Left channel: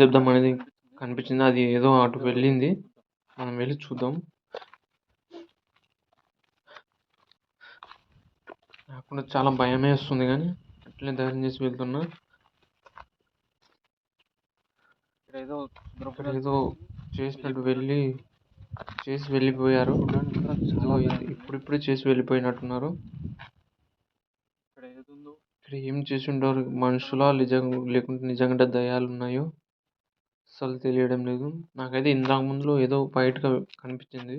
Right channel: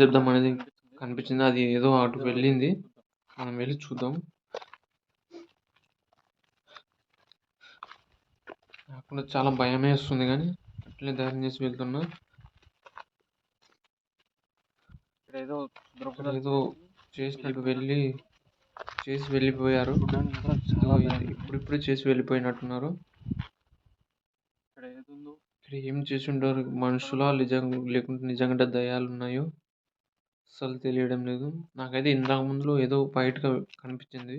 శబ్దం అనేది కనిపించింది. అది ఏదో అటు వెళ్ళింది. మనం వెళ్ళి చూద్దాం. నాకు కూడా చాలా భయమేస్తుంది గానీ అట్లే ధైర్యం చేసి వెళ్తున్నా. ఇక్కడేదో చేసినట్టు చేసి వెళ్ళిపోయారు. ఇదిగో ఇప్పుడిప్పుడే చేసి వెళ్ళిపోయినట్టున్నారు. ఇక్కడ ఏం చేసి ఉంటారు? మనుషులా లేకుంటే నిజంగా దయ్యాలున్నాయో అస్సలు తెలియడం లేదు. నాకైతే ఇంతకు ముందులో ఏదో బయటగా కనిపించింది.